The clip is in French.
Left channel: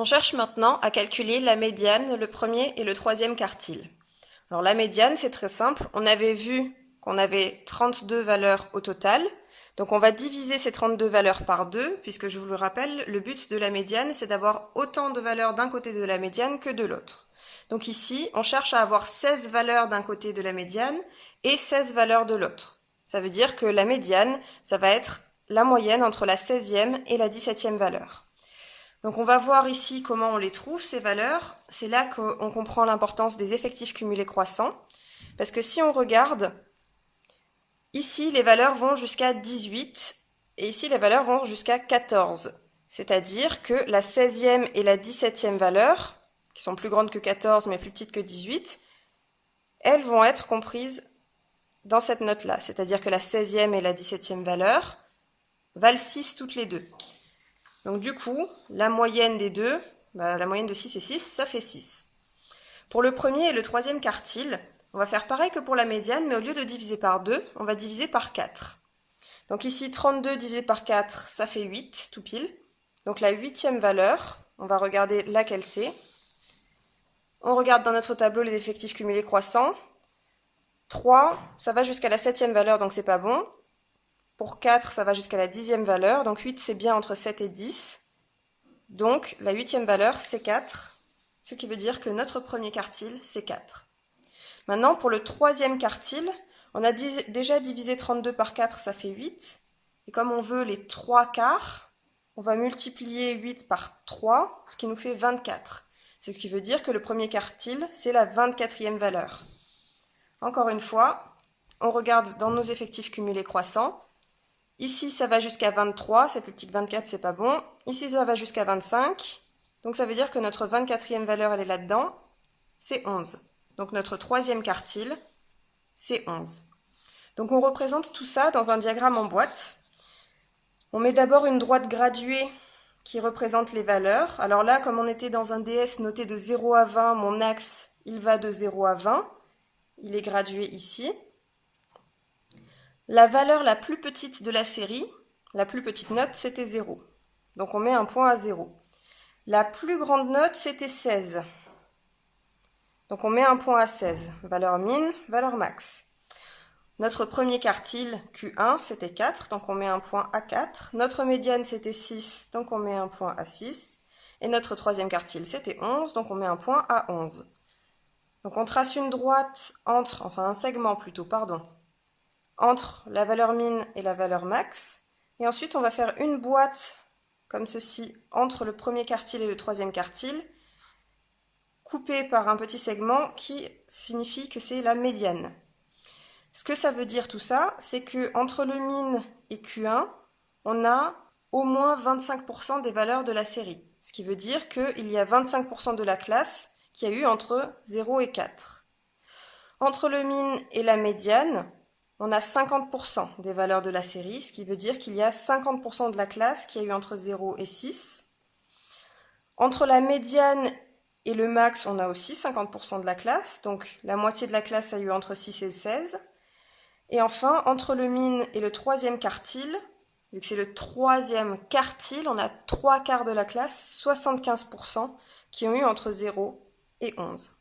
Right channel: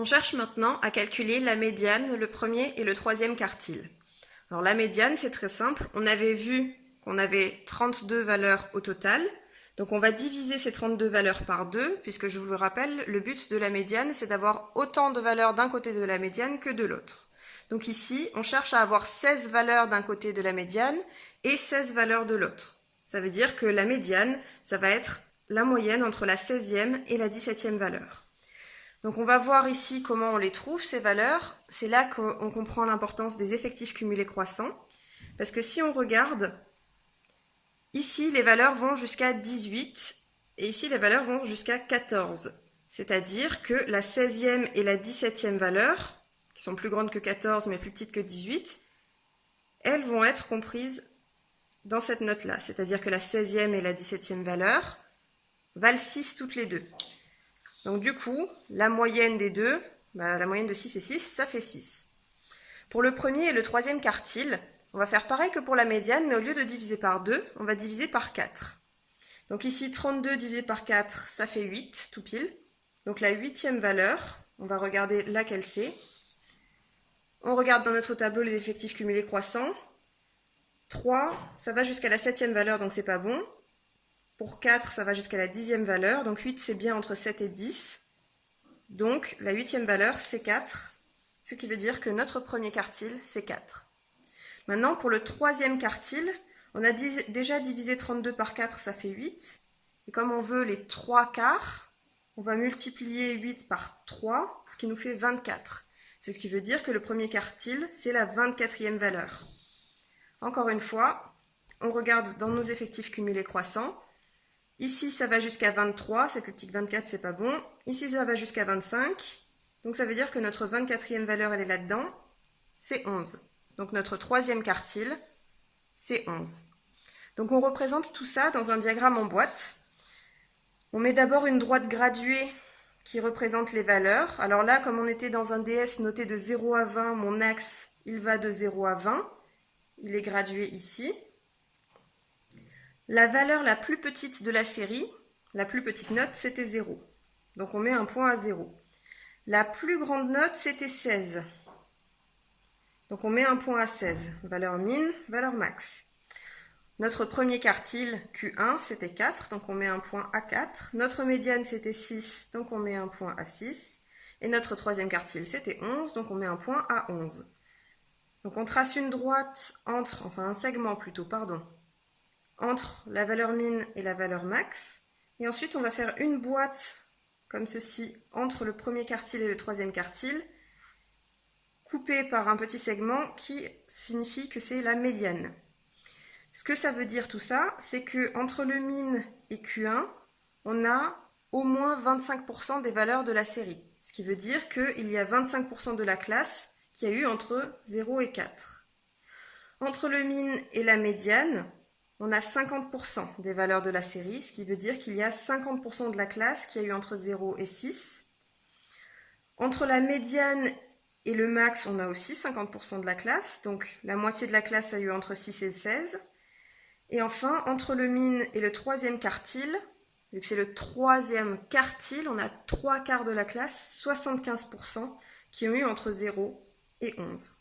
On cherche maintenant à calculer la médiane, le premier et le troisième quartile. Alors la médiane, c'est très simple. On avait vu qu'on avait 32 valeurs au total. Donc on va diviser ces 32 valeurs par 2, puisque je vous le rappelle, le but de la médiane, c'est d'avoir autant de valeurs d'un côté de la médiane que de l'autre. Donc ici, on cherche à avoir 16 valeurs d'un côté de la médiane et 16 valeurs de l'autre. Ça veut dire que la médiane, ça va être la moyenne entre la 16e et la 17e valeur. Donc on va voir ici comment on les trouve, ces valeurs. C'est là qu'on comprend l'importance des effectifs cumulés croissants. Parce que si on regarde, ici les valeurs vont jusqu'à 18 et ici les valeurs vont jusqu'à 14. C'est-à-dire que la 16e et la 17e valeur, qui sont plus grandes que 14 mais plus petites que 18, elles vont être comprises dans cette note-là. C'est-à-dire que la 16e et la 17e valeur valent 6 toutes les deux. Donc du coup, la moyenne des deux, la moyenne de 6 et 6, ça fait 6. Pour le premier et le troisième quartile, on va faire pareil que pour la médiane, mais au lieu de diviser par 2, on va diviser par 4. Donc ici, 32 divisé par 4, ça fait 8, tout pile. Donc la 8e valeur, on va regarder laquelle c'est. On regarde dans notre tableau les effectifs cumulés croissants. 3, ça va jusqu'à la 7e valeur, donc c'est pas bon. Pour 4, ça va jusqu'à la 10e valeur, donc 8 c'est bien entre 7 et 10. Donc la 8e valeur c'est 4, ce qui veut dire que notre premier quartile c'est 4. Maintenant pour le troisième quartile, on a déjà divisé 32 par 4, ça fait 8. Et comme on veut les 3 quarts, on va multiplier 8 par 3, ce qui nous fait 24. Ce qui veut dire que le premier quartile c'est la 24e valeur. Encore une fois, on regarde dans nos effectifs cumulés croissants. Ici, ça va jusqu'à 23, c'est plus petit que 24, c'est pas bon. Ici, ça va jusqu'à 25, donc ça veut dire que notre 24e valeur, elle est là-dedans, c'est 11. Donc notre troisième quartile, c'est 11. Donc on représente tout ça dans un diagramme en boîte. On met d'abord une droite graduée qui représente les valeurs. Alors là, comme on était dans un DS noté de 0 à 20, mon axe, il va de 0 à 20. Il est gradué ici. La valeur la plus petite de la série, la plus petite note, c'était 0. Donc on met un point à 0. La plus grande note, c'était 16. Donc on met un point à 16. Valeur min, valeur max. Notre premier quartile, Q1, c'était 4, donc on met un point à 4. Notre médiane, c'était 6, donc on met un point à 6. Et notre troisième quartile, c'était 11, donc on met un point à 11. Donc on trace une droite entre, enfin un segment plutôt, pardon, entre la valeur min et la valeur max. Et ensuite, on va faire une boîte comme ceci entre le premier quartile et le troisième quartile, coupée par un petit segment qui signifie que c'est la médiane. Ce que ça veut dire tout ça, c'est que entre le min et Q1, on a au moins 25% des valeurs de la série. Ce qui veut dire qu'il y a 25% de la classe qui a eu entre 0 et 4. Entre le min et la médiane, on a 50% des valeurs de la série, ce qui veut dire qu'il y a 50% de la classe qui a eu entre 0 et 6. Entre la médiane et le max, on a aussi 50% de la classe, donc la moitié de la classe a eu entre 6 et 16. Et enfin, entre le min et le troisième quartile, vu que c'est le troisième quartile, on a 3 quarts de la classe, 75%, qui ont eu entre 0 et 11.